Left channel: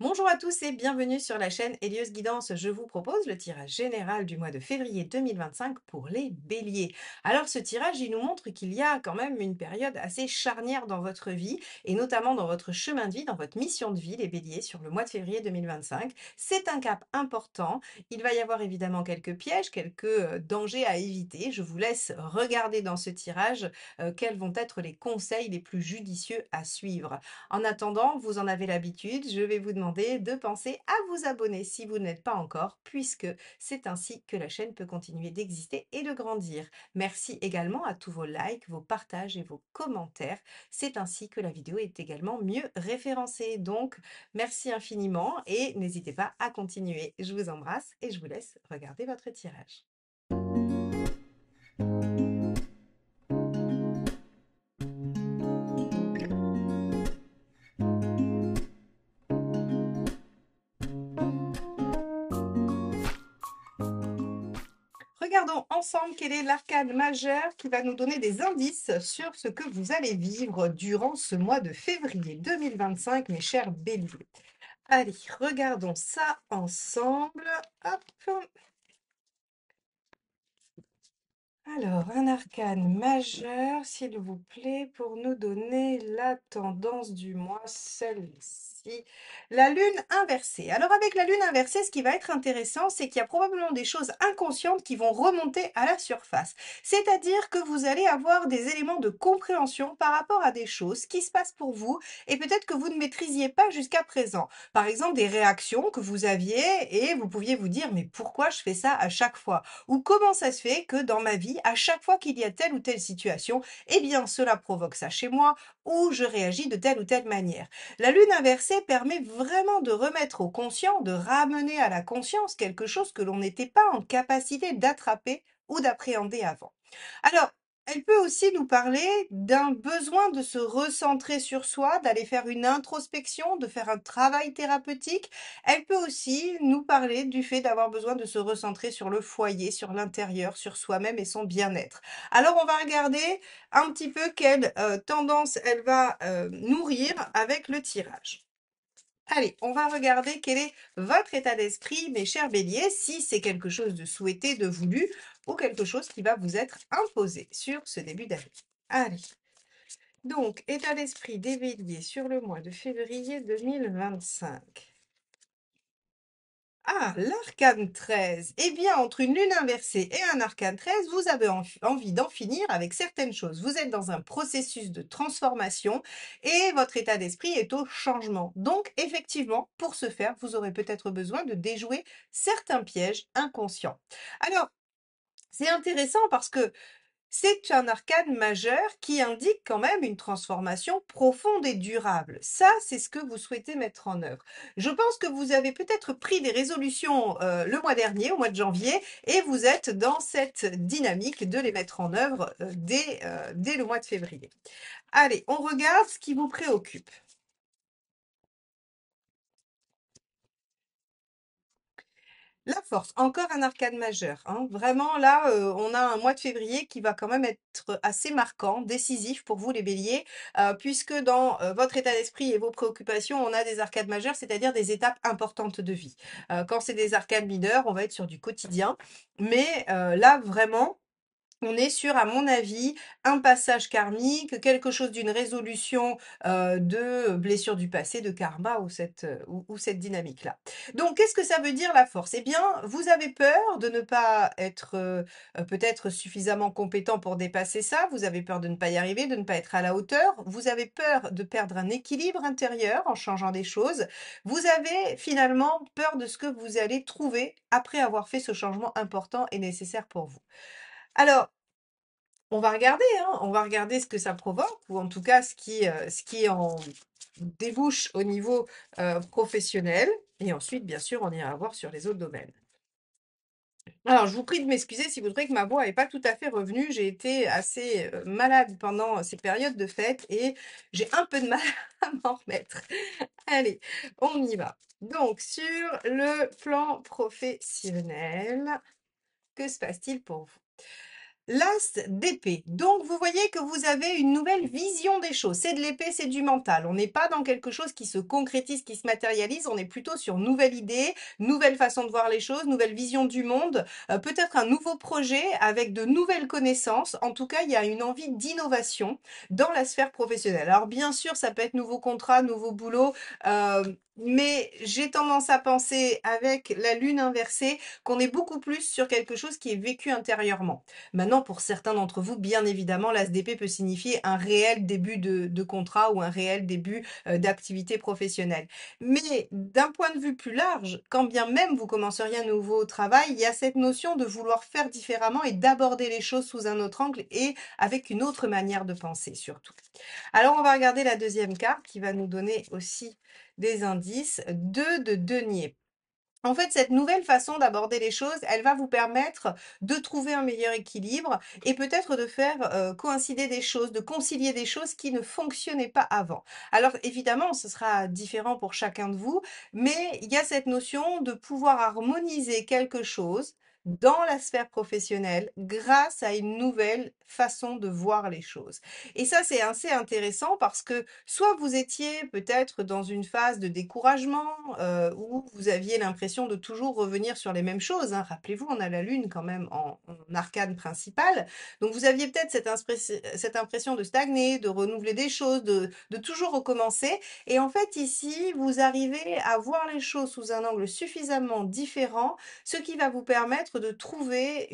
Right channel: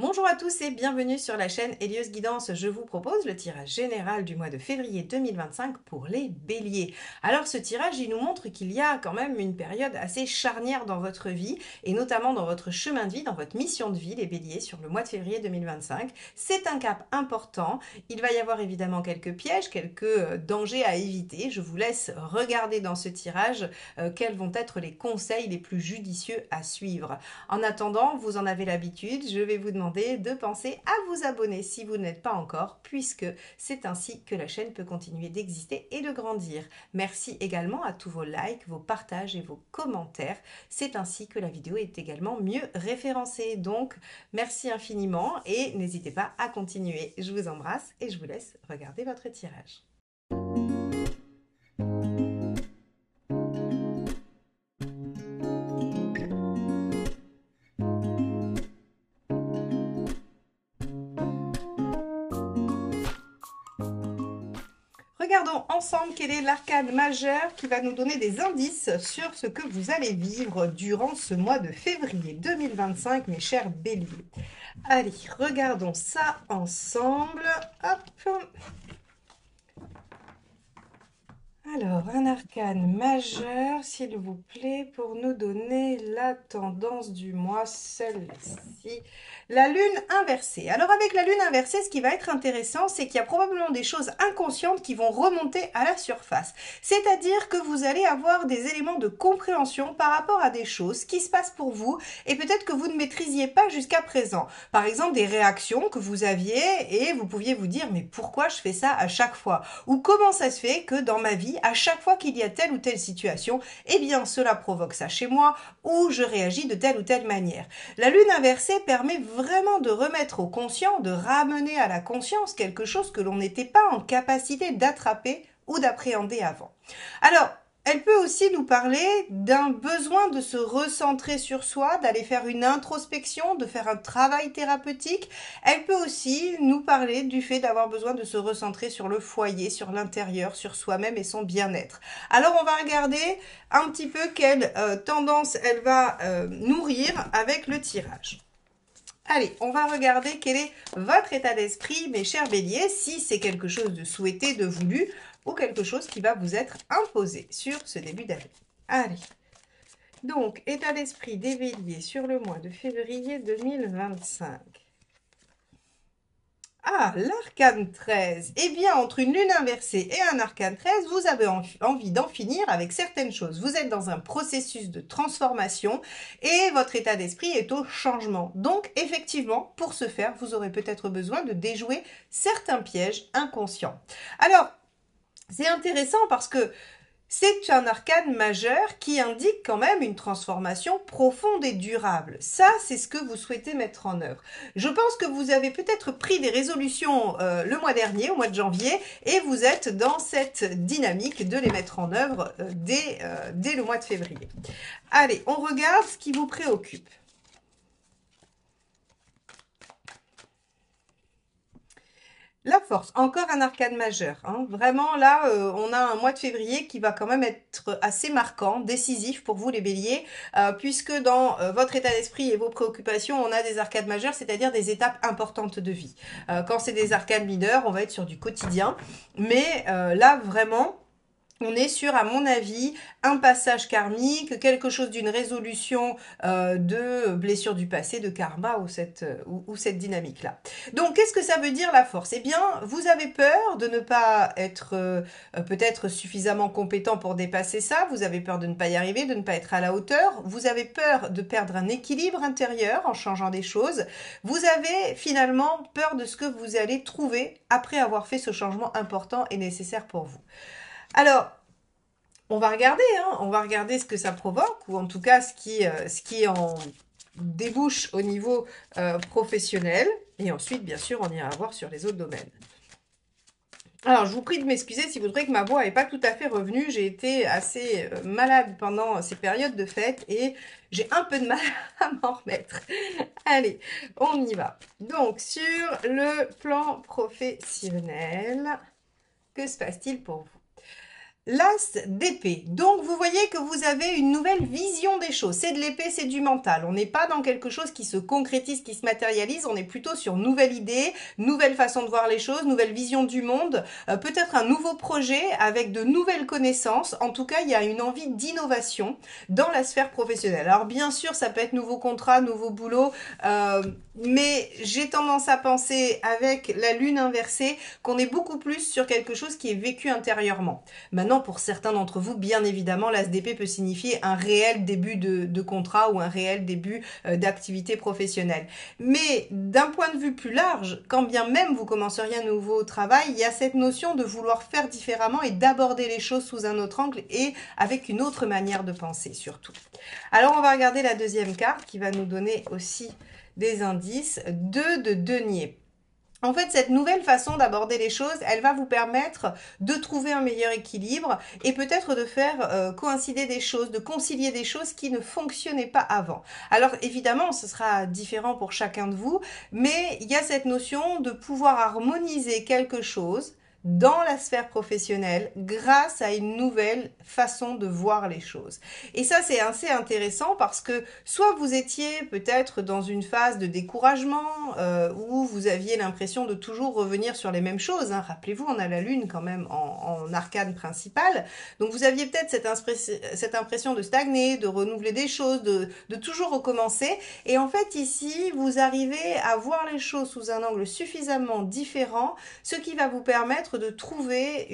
Bonjour à tous et bienvenue sur la chaîne Helios Guidance. Je vous propose le tirage général du mois de février 2025 pour les béliers. Alors ce tirage, il nous montre qu'il y a quand même une période assez charnière dans votre vie et notamment dans votre chemin de vie, dans votre mission de vie, les béliers, sur le mois de février 2025. C'est un cap important. Il va y avoir évidemment quelques pièges, quelques dangers à éviter. Je vous laisse regarder dans ce tirage quels vont être les conseils les plus judicieux à suivre. En attendant, vous en avez l'habitude, je vais vous demander de penser à vous abonner si vous ne l'êtes pas encore, puisque c'est ainsi que la chaîne peut continuer d'exister et de grandir. Merci également à tous vos likes, vos partages et vos commentaires. C'est ainsi que la vidéo est également mieux référencée. Donc, merci infiniment et n'hésitez pas à continuer. Je vous embrasse et je vous laisse regarder votre tirage. Regardons ensemble quel est l'arcade majeur qui va nous donner des indices sur ce que vous allez vivre durant ce mois de février 2025, mes chers béliers. Allez, regardons ça ensemble. Hop. Alors, un arcane majeur, s'il vous plaît, pour nous donner la tendance du mois, celle-ci. La lune inversée. Alors, avec la lune inversée, ce qui va être intéressant, c'est qu'il y a probablement des choses inconscientes qui vont remonter à la surface. C'est-à-dire que vous allez avoir des éléments de compréhension par rapport à des choses qui se passent pour vous et peut-être que vous ne maîtrisiez pas jusqu'à présent. Par exemple, des réactions que vous aviez et vous pouviez vous dire, mais pourquoi je fais ça à chaque fois? Ou comment ça se fait que dans ma vie, à chaque fois qu'il y a telle ou telle situation, eh bien cela provoque ça chez moi ou je réagis de telle ou telle manière. La lune inversée permet vraiment de remettre au conscient, de ramener à la conscience quelque chose que l'on n'était pas en capacité d'attraper ou d'appréhender avant. Alors, elle peut aussi nous parler d'un besoin de se recentrer sur soi, d'aller faire une introspection, de faire un travail thérapeutique. Elle peut aussi nous parler du fait d'avoir besoin de se recentrer sur le foyer, sur l'intérieur, sur soi-même et son bien-être. Alors on va regarder un petit peu quelle tendance elle va nourrir avec le tirage. Allez, on va regarder quel est votre état d'esprit, mes chers béliers, si c'est quelque chose de souhaité, de voulu, ou quelque chose qui va vous être imposé sur ce début d'année. Allez, donc, état d'esprit des béliers sur le mois de février 2025. Ah, l'arcane 13. Eh bien, entre une lune inversée et un arcane 13, vous avez envie d'en finir avec certaines choses. Vous êtes dans un processus de transformation et votre état d'esprit est au changement. Donc, effectivement, pour ce faire, vous aurez peut-être besoin de déjouer certains pièges inconscients. Alors, c'est intéressant parce que c'est un arcane majeur qui indique quand même une transformation profonde et durable. Ça, c'est ce que vous souhaitez mettre en œuvre. Je pense que vous avez peut-être pris des résolutions le mois dernier, au mois de janvier, et vous êtes dans cette dynamique de les mettre en œuvre dès le mois de février. Allez, on regarde ce qui vous préoccupe. La force, encore un arcane majeur. Hein. Vraiment, là, on a un mois de février qui va quand même être assez marquant, décisif pour vous les béliers, puisque dans votre état d'esprit et vos préoccupations, on a des arcades majeures, c'est-à-dire des étapes importantes de vie. Quand c'est des arcades mineurs, on va être sur du quotidien. Mais là, vraiment, on est sur, à mon avis, un passage karmique, quelque chose d'une résolution de blessure du passé, de karma ou cette dynamique-là. Donc, qu'est-ce que ça veut dire la force? Eh bien, vous avez peur de ne pas être peut-être suffisamment compétent pour dépasser ça, vous avez peur de ne pas y arriver, de ne pas être à la hauteur, vous avez peur de perdre un équilibre intérieur en changeant des choses, vous avez finalement peur de ce que vous allez trouver après avoir fait ce changement important et nécessaire pour vous. Alors, on va regarder, hein, on va regarder ce que ça provoque, ou en tout cas ce qui en débouche au niveau professionnel. Et ensuite, bien sûr, on ira voir sur les autres domaines. Alors, je vous prie de m'excuser si vous trouvez que ma voix n'est pas tout à fait revenue. J'ai été assez malade pendant ces périodes de fête et j'ai un peu de mal à m'en remettre. Allez, on y va. Donc, sur le plan professionnel, que se passe-t-il pour vous? L'as d'épée. Donc, vous voyez que vous avez une nouvelle vision des choses. C'est de l'épée, c'est du mental. On n'est pas dans quelque chose qui se concrétise, qui se matérialise. On est plutôt sur nouvelle idée, nouvelle façon de voir les choses, nouvelle vision du monde, peut-être un nouveau projet avec de nouvelles connaissances. En tout cas, il y a une envie d'innovation dans la sphère professionnelle. Alors, bien sûr, ça peut être nouveau contrat, nouveau boulot, mais j'ai tendance à penser avec la lune inversée qu'on est beaucoup plus sur quelque chose qui est vécu intérieurement. Maintenant, pour certains d'entre vous, bien évidemment, l'ASDP peut signifier un réel début de contrat ou un réel début d'activité professionnelle. Mais d'un point de vue plus large, quand bien même vous commenceriez un nouveau travail, il y a cette notion de vouloir faire différemment et d'aborder les choses sous un autre angle et avec une autre manière de penser surtout. Alors, on va regarder la deuxième carte qui va nous donner aussi des indices. 2 de denier. En fait, cette nouvelle façon d'aborder les choses, elle va vous permettre de trouver un meilleur équilibre et peut-être de faire coïncider des choses, de concilier des choses qui ne fonctionnaient pas avant. Alors évidemment, ce sera différent pour chacun de vous, mais il y a cette notion de pouvoir harmoniser quelque chose dans la sphère professionnelle grâce à une nouvelle façon de voir les choses. Et ça, c'est assez intéressant parce que soit vous étiez peut-être dans une phase de découragement où vous aviez l'impression de toujours revenir sur les mêmes choses. Hein. Rappelez-vous, on a la lune quand même en arcane principale. Donc vous aviez peut-être cette impression de stagner, de renouveler des choses, de toujours recommencer. Et en fait, ici, vous arrivez à voir les choses sous un angle suffisamment différent, ce qui va vous permettre de trouver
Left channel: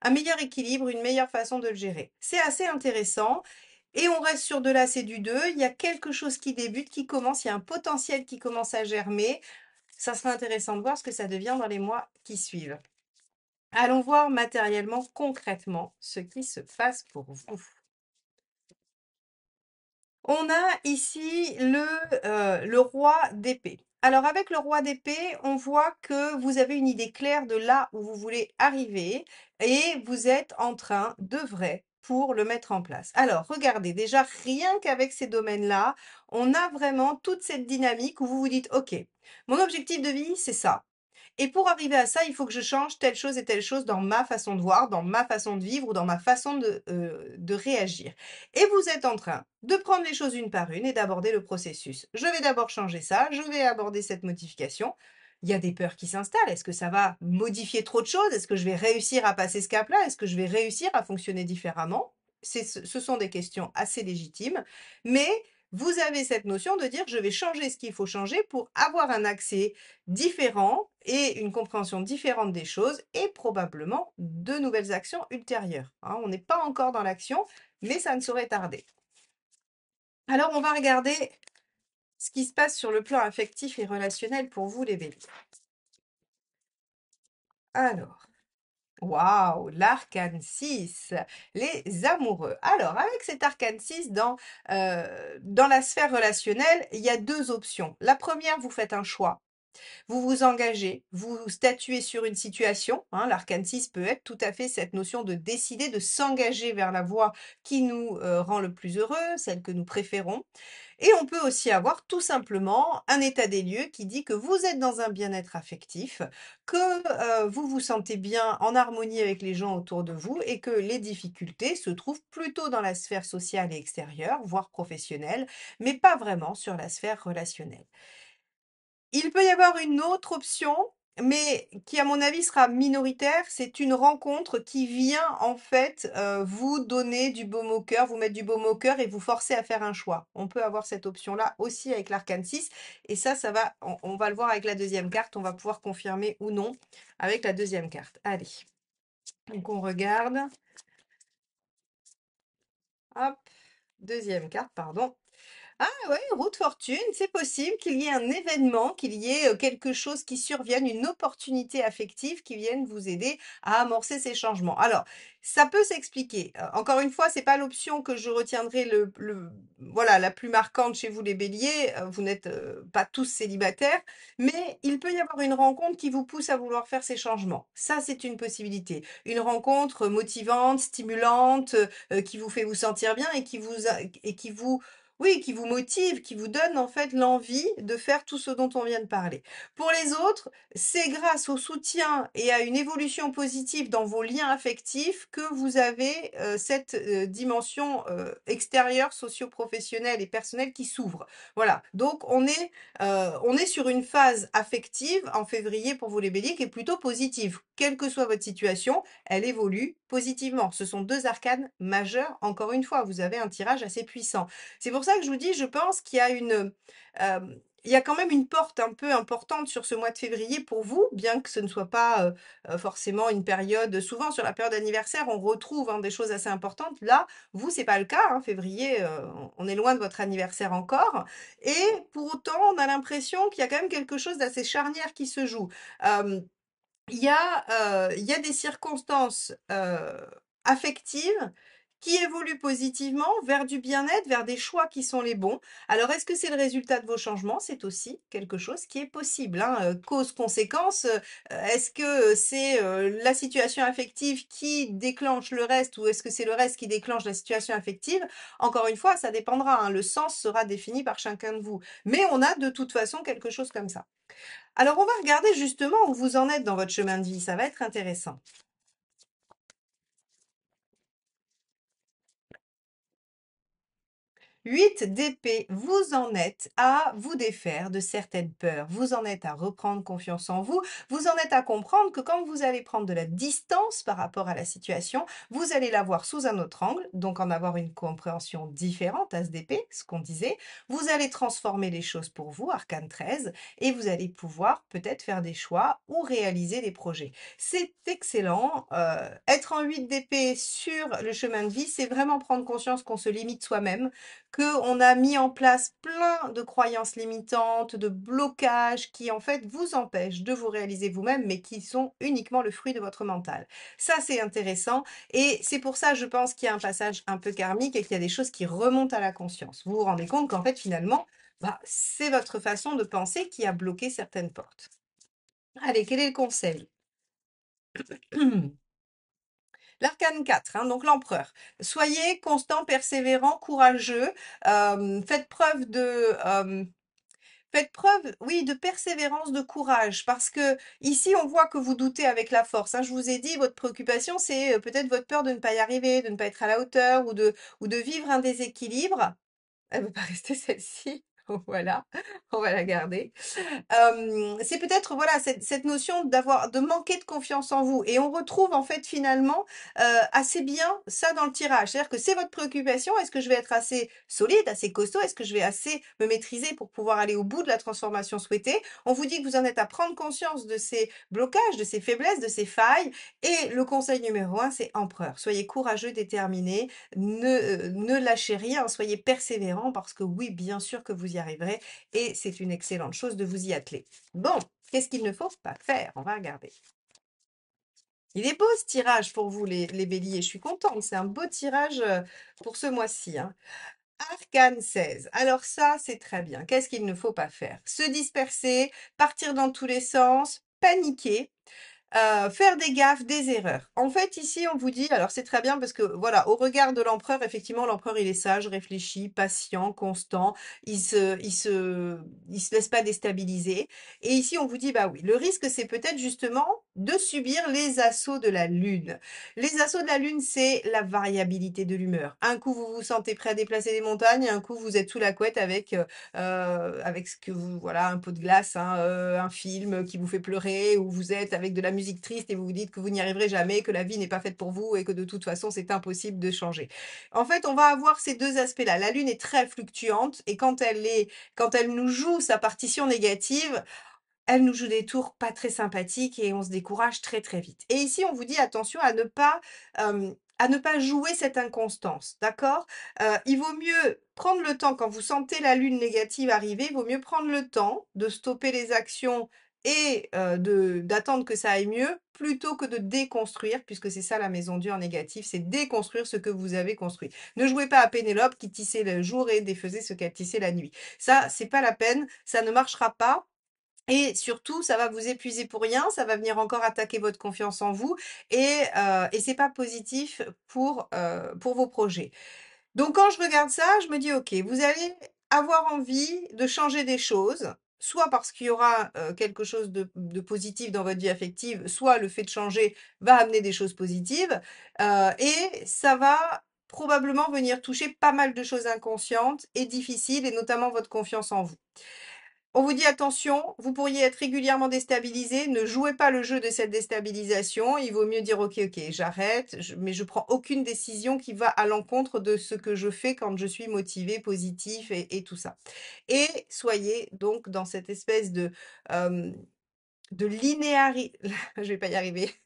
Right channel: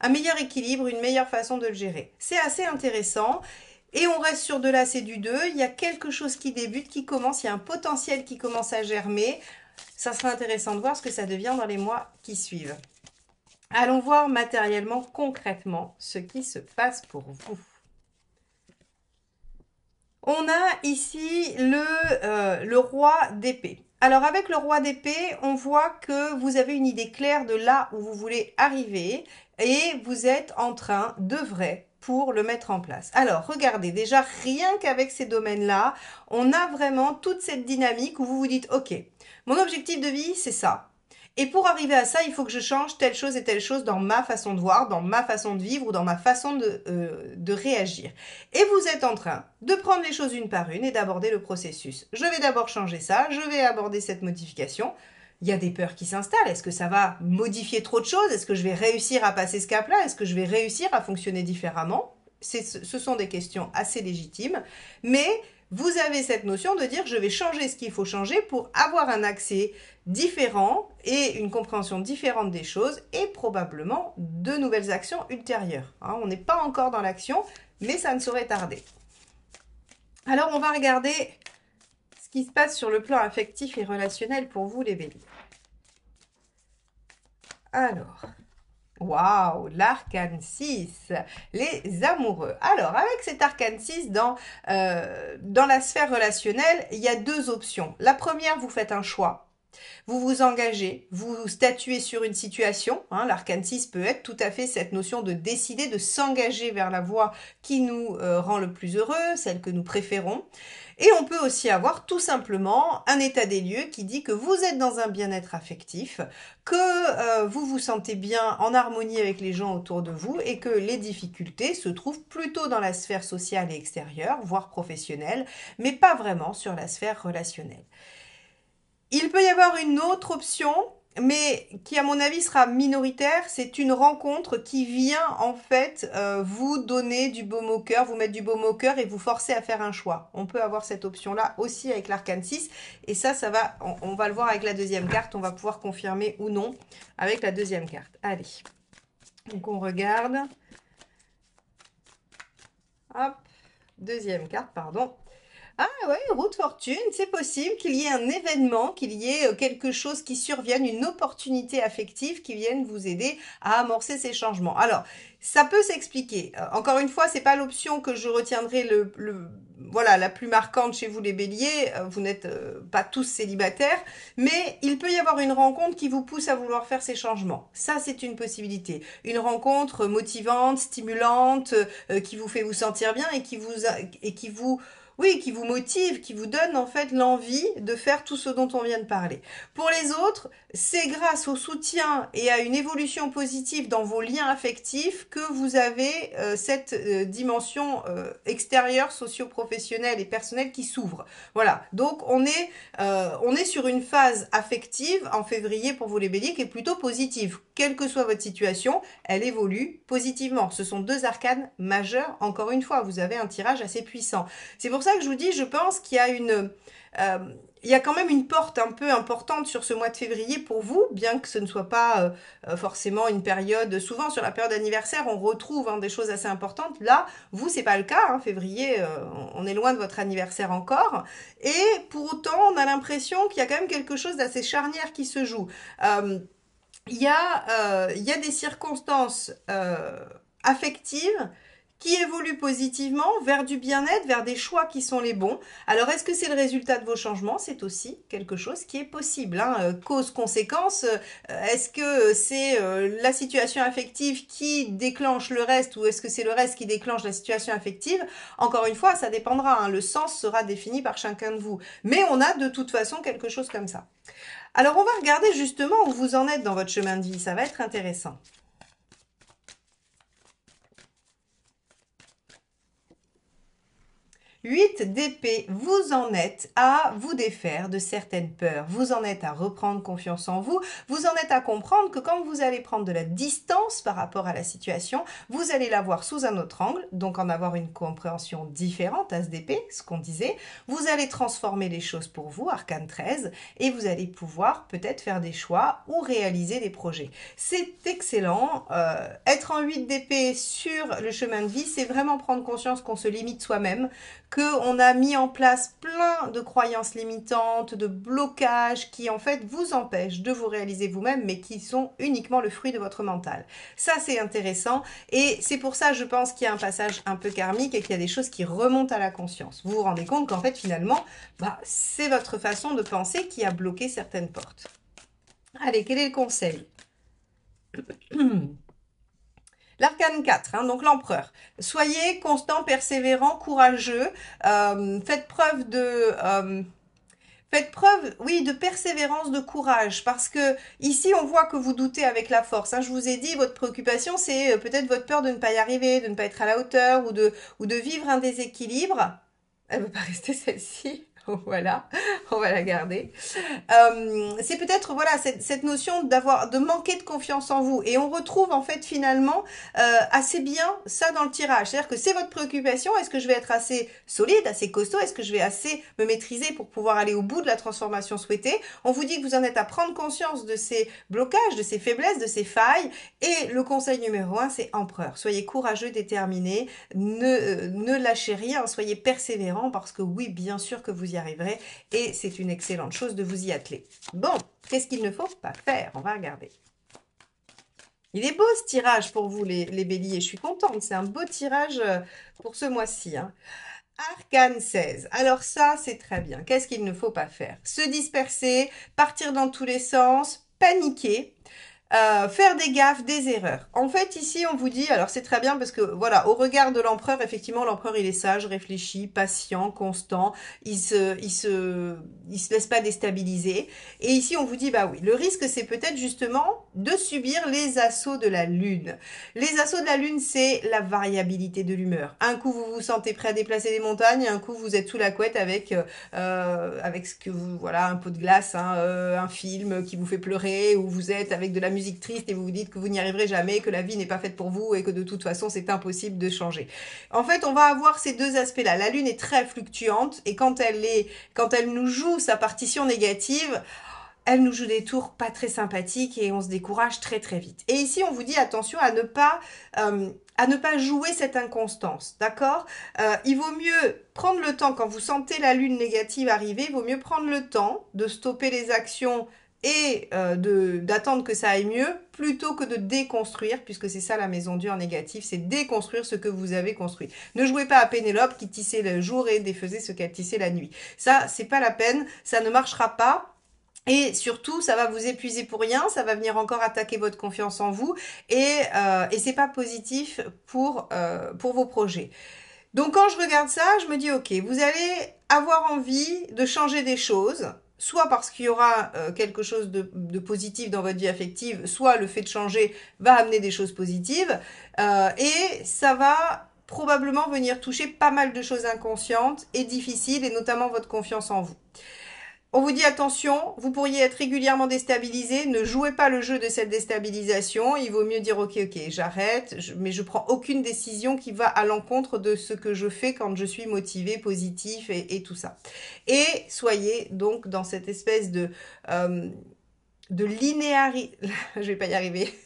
un meilleur équilibre, une meilleure façon de le gérer. C'est assez intéressant. Et on reste sur de là, c'est du 2. Il y a quelque chose qui débute, qui commence, il y a un potentiel qui commence à germer. Ça sera intéressant de voir ce que ça devient dans les mois qui suivent. Allons voir matériellement, concrètement, ce qui se passe pour vous. On a ici le roi d'épée. Alors avec le roi d'épée, on voit que vous avez une idée claire de là où vous voulez arriver et vous êtes en train d'œuvrer pour le mettre en place. Alors regardez, déjà rien qu'avec ces domaines-là, on a vraiment toute cette dynamique où vous vous dites, ok, mon objectif de vie, c'est ça. Et pour arriver à ça, il faut que je change telle chose et telle chose dans ma façon de voir, dans ma façon de vivre ou dans ma façon de réagir. Et vous êtes en train de prendre les choses une par une et d'aborder le processus. Je vais d'abord changer ça, je vais aborder cette modification. Il y a des peurs qui s'installent. Est-ce que ça va modifier trop de choses? Est-ce que je vais réussir à passer ce cap-là? Est-ce que je vais réussir à fonctionner différemment? Ce sont des questions assez légitimes, mais vous avez cette notion de dire je vais changer ce qu'il faut changer pour avoir un accès différent et une compréhension différente des choses et probablement de nouvelles actions ultérieures. Hein, on n'est pas encore dans l'action, mais ça ne saurait tarder. Alors, on va regarder ce qui se passe sur le plan affectif et relationnel pour vous, les béliers. Alors, waouh, l'arcane 6, les amoureux. Alors, avec cet arcane 6, dans la sphère relationnelle, il y a deux options. La première, vous faites un choix. Vous vous engagez, vous statuez sur une situation. Hein, l'arcane 6 peut être tout à fait cette notion de décider, de s'engager vers la voie qui nous rend le plus heureux, celle que nous préférons. Et on peut aussi avoir tout simplement un état des lieux qui dit que vous êtes dans un bien-être affectif, que vous vous sentez bien en harmonie avec les gens autour de vous et que les difficultés se trouvent plutôt dans la sphère sociale et extérieure, voire professionnelle, mais pas vraiment sur la sphère relationnelle. Il peut y avoir une autre option, mais qui à mon avis sera minoritaire, c'est une rencontre qui vient en fait vous donner du baume au cœur, vous mettre du baume au cœur et vous forcer à faire un choix. On peut avoir cette option-là aussi avec l'arcane 6 et ça va, on va le voir avec la deuxième carte, on va pouvoir confirmer ou non avec la deuxième carte. Allez, donc on regarde. Hop, deuxième carte, pardon. Ah ouais, roue de fortune, c'est possible qu'il y ait un événement, qu'il y ait quelque chose qui survienne, une opportunité affective qui vienne vous aider à amorcer ces changements. Alors, ça peut s'expliquer. Encore une fois, c'est pas l'option que je retiendrai voilà, la plus marquante chez vous les béliers. Vous n'êtes pas tous célibataires, mais il peut y avoir une rencontre qui vous pousse à vouloir faire ces changements. Ça, c'est une possibilité. Une rencontre motivante, stimulante, qui vous fait vous sentir bien et qui vous oui, qui vous motive, qui vous donne en fait l'envie de faire tout ce dont on vient de parler. Pour les autres, c'est grâce au soutien et à une évolution positive dans vos liens affectifs que vous avez cette dimension extérieure, socio-professionnelle et personnelle qui s'ouvre. Voilà, donc on est sur une phase affective en février pour vous les béliers qui est plutôt positive. Quelle que soit votre situation, elle évolue positivement. Ce sont deux arcanes majeures. Encore une fois, vous avez un tirage assez puissant. C'est pour ça que je vous dis, je pense qu'il y a il y a quand même une porte un peu importante sur ce mois de février pour vous, bien que ce ne soit pas forcément une période. Souvent sur la période d'anniversaire, on retrouve des choses assez importantes. Là, vous, c'est pas le cas. Février, on est loin de votre anniversaire encore. Et pour autant, on a l'impression qu'il y a quand même quelque chose d'assez charnière qui se joue. Euh, il y a des circonstances affectives qui évoluent positivement vers du bien-être, vers des choix qui sont les bons. Alors, est-ce que c'est le résultat de vos changements? C'est aussi quelque chose qui est possible. Cause-conséquence, est-ce que c'est la situation affective qui déclenche le reste ou est-ce que c'est le reste qui déclenche la situation affective? Encore une fois, ça dépendra. Le sens sera défini par chacun de vous. Mais on a de toute façon quelque chose comme ça. Alors, on va regarder justement où vous en êtes dans votre chemin de vie. Ça va être intéressant. 8 d'épée, vous en êtes à vous défaire de certaines peurs, vous en êtes à reprendre confiance en vous, vous en êtes à comprendre que quand vous allez prendre de la distance par rapport à la situation, vous allez la voir sous un autre angle, donc en avoir une compréhension différente, as d'épée, ce qu'on disait, vous allez transformer les choses pour vous, arcane 13, et vous allez pouvoir peut-être faire des choix ou réaliser des projets. C'est excellent, être en 8 d'épée sur le chemin de vie, c'est vraiment prendre conscience qu'on se limite soi-même, qu'on a mis en place plein de croyances limitantes, de blocages qui en fait vous empêchent de vous réaliser vous-même, mais qui sont uniquement le fruit de votre mental. Ça, c'est intéressant et c'est pour ça, je pense qu'il y a un passage un peu karmique et qu'il y a des choses qui remontent à la conscience. Vous vous rendez compte qu'en fait, finalement, c'est votre façon de penser qui a bloqué certaines portes. Allez, quel est le conseil? L'arcane 4, donc l'empereur. Soyez constant, persévérant, courageux. Faites preuve faites preuve, oui, de persévérance, de courage, parce que ici on voit que vous doutez avec la force. Je vous ai dit, votre préoccupation, c'est peut-être votre peur de ne pas y arriver, de ne pas être à la hauteur ou de vivre un déséquilibre. Elle ne veut pas rester celle-ci. Voilà, on va la garder. C'est peut-être voilà cette notion de manquer de confiance en vous et on retrouve en fait finalement assez bien ça dans le tirage, c'est-à-dire que c'est votre préoccupation, est-ce que je vais être assez solide, assez costaud, est-ce que je vais assez me maîtriser pour pouvoir aller au bout de la transformation souhaitée. On vous dit que vous en êtes à prendre conscience de ces blocages, de ces faiblesses, de ces failles et le conseil numéro 1 c'est empereur, soyez courageux, déterminé, ne lâchez rien, soyez persévérant parce que oui bien sûr que vous y arriverez et c'est une excellente chose de vous y atteler. Bon, qu'est-ce qu'il ne faut pas faire? On va regarder. Il est beau ce tirage pour vous les béliers, je suis contente, c'est un beau tirage pour ce mois-ci. Arcane 16. Alors ça, c'est très bien. Qu'est-ce qu'il ne faut pas faire? Se disperser, partir dans tous les sens, paniquer. Faire des gaffes, des erreurs. En fait, ici, on vous dit, alors c'est très bien parce que, voilà, au regard de l'empereur, effectivement, l'empereur, il est sage, réfléchi, patient, constant, il se laisse pas déstabiliser. Et ici, on vous dit, bah oui, le risque, c'est peut-être justement de subir les assauts de la lune. Les assauts de la lune, c'est la variabilité de l'humeur. Un coup, vous vous sentez prêt à déplacer les montagnes, un coup, vous êtes sous la couette avec ce que vous, voilà, un pot de glace, un film qui vous fait pleurer, ou vous êtes avec de la musique triste et vous vous dites que vous n'y arriverez jamais, que la vie n'est pas faite pour vous et que de toute façon c'est impossible de changer. En fait, on va avoir ces deux aspects-là. La lune est très fluctuante et quand elle nous joue sa partition négative, elle nous joue des tours pas très sympathiques et on se décourage très très vite. Et ici, on vous dit attention à ne pas jouer cette inconstance, d'accord? Il vaut mieux prendre le temps, quand vous sentez la lune négative arriver, il vaut mieux prendre le temps de stopper les actions et d'attendre que ça aille mieux, plutôt que de déconstruire, puisque c'est ça la maison Dieu en négatif, c'est déconstruire ce que vous avez construit. Ne jouez pas à Pénélope qui tissait le jour et défaisait ce qu'elle tissait la nuit. Ça, c'est pas la peine, ça ne marchera pas. Et surtout, ça va vous épuiser pour rien, ça va venir encore attaquer votre confiance en vous et c'est pas positif pour vos projets. Donc quand je regarde ça, je me dis, ok, vous allez avoir envie de changer des choses, soit parce qu'il y aura quelque chose de positif dans votre vie affective, soit le fait de changer va amener des choses positives, et ça va probablement venir toucher pas mal de choses inconscientes et difficiles, et notamment votre confiance en vous. On vous dit attention, vous pourriez être régulièrement déstabilisé, ne jouez pas le jeu de cette déstabilisation, il vaut mieux dire ok, j'arrête, mais je prends aucune décision qui va à l'encontre de ce que je fais quand je suis motivé, positif et tout ça. Et soyez donc dans cette espèce de linéarité, je vais pas y arriver,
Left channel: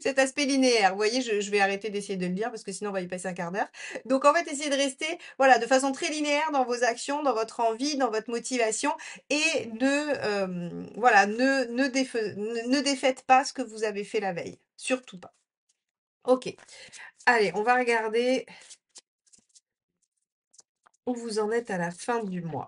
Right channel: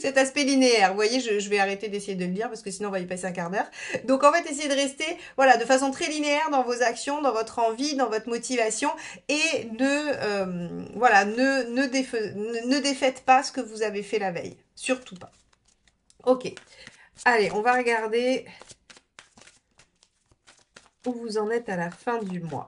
cet aspect linéaire. Vous voyez, je vais arrêter d'essayer de le dire parce que sinon on va y passer un quart d'heure. Donc en fait, essayez de rester voilà, de façon très linéaire dans vos actions, dans votre envie, dans votre motivation et voilà, ne défaites pas ce que vous avez fait la veille. Surtout pas. Ok. Allez, on va regarder où vous en êtes à la fin du mois.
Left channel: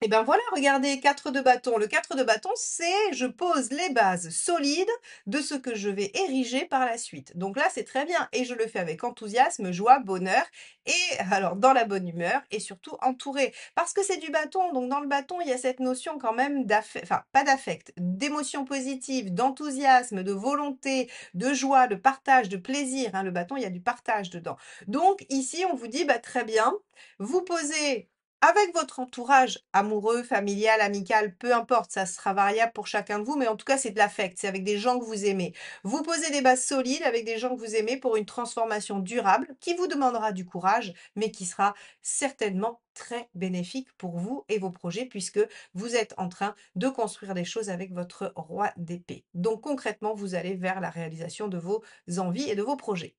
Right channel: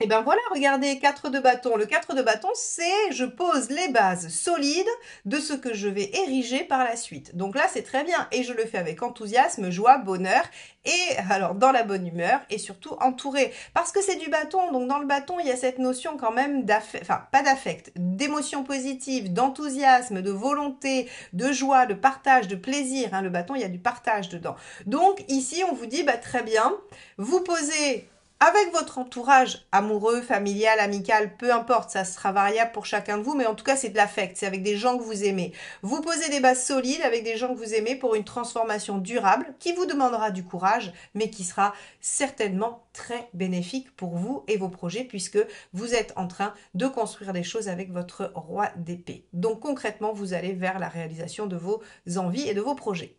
Et bien voilà, regardez, 4 de bâton. Le 4 de bâton, c'est je pose les bases solides de ce que je vais ériger par la suite. Donc là, c'est très bien et je le fais avec enthousiasme, joie, bonheur et alors dans la bonne humeur et surtout entouré. Parce que c'est du bâton, donc dans le bâton, il y a cette notion quand même d'affect, enfin pas d'affect, d'émotion positive, d'enthousiasme, de volonté, de joie, de partage, de plaisir. Hein. Le bâton, il y a du partage dedans. Donc ici, on vous dit, bah, très bien, vous posez avec votre entourage amoureux, familial, amical, peu importe, ça sera variable pour chacun de vous, mais en tout cas c'est de l'affect, c'est avec des gens que vous aimez. Vous posez des bases solides avec des gens que vous aimez pour une transformation durable qui vous demandera du courage, mais qui sera certainement très bénéfique pour vous et vos projets puisque vous êtes en train de construire des choses avec votre roi d'épée. Donc concrètement, vous allez vers la réalisation de vos envies et de vos projets.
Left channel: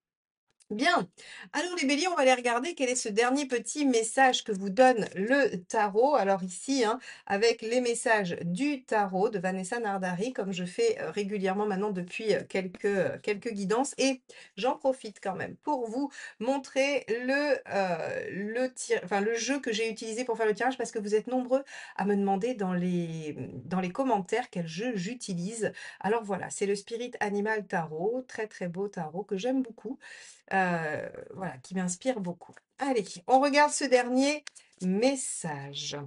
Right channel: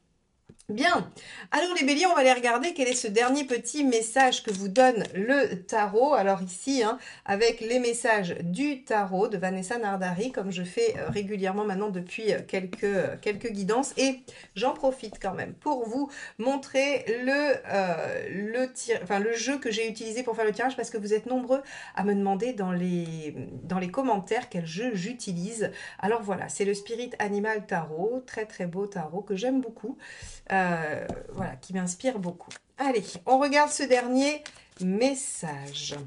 Bien, alors les béliers, on va aller regarder quel est ce dernier petit message que vous donne le tarot. Alors ici, hein, avec les messages du tarot de Vanessa Nardari, comme je fais régulièrement maintenant depuis quelques guidances. Et j'en profite quand même pour vous montrer le jeu que j'ai utilisé pour faire le tirage parce que vous êtes nombreux à me demander dans les commentaires quel jeu j'utilise. Alors voilà, c'est le Spirit Animal Tarot, très très beau tarot que j'aime beaucoup. Voilà, qui m'inspire beaucoup. Allez, on regarde ce dernier message.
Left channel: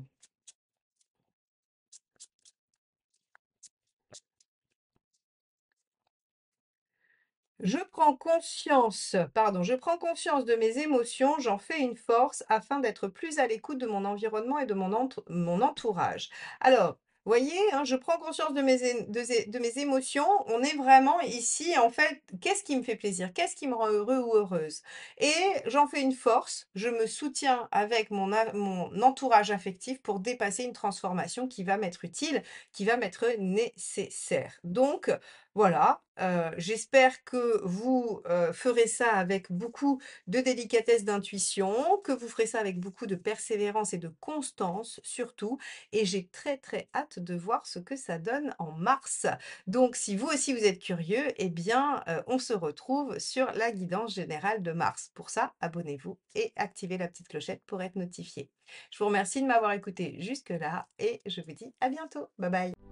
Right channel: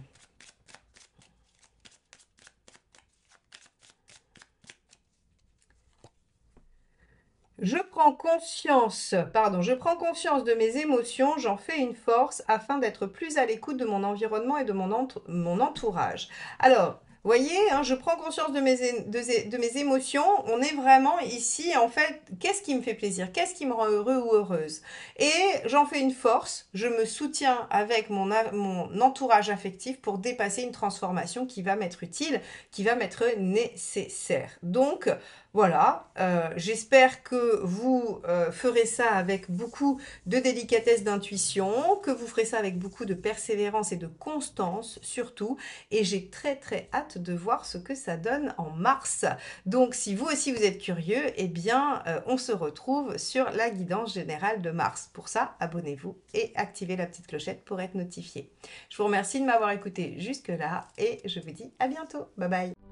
Je prends conscience de mes émotions, j'en fais une force afin d'être plus à l'écoute de mon environnement et de mon entourage. Alors, voyez, hein, je prends conscience de mes émotions. On est vraiment ici, en fait, qu'est-ce qui me fait plaisir? Qu'est-ce qui me rend heureux ou heureuse? Et j'en fais une force. Je me soutiens avec mon entourage affectif pour dépasser une transformation qui va m'être utile, qui va m'être nécessaire. Donc, voilà, j'espère que vous ferez ça avec beaucoup de délicatesse d'intuition, que vous ferez ça avec beaucoup de persévérance et de constance surtout. Et j'ai très très hâte de voir ce que ça donne en mars. Donc si vous aussi vous êtes curieux, eh bien on se retrouve sur la guidance générale de mars. Pour ça, abonnez-vous et activez la petite clochette pour être notifié. Je vous remercie de m'avoir écouté jusque-là et je vous dis à bientôt. Bye bye.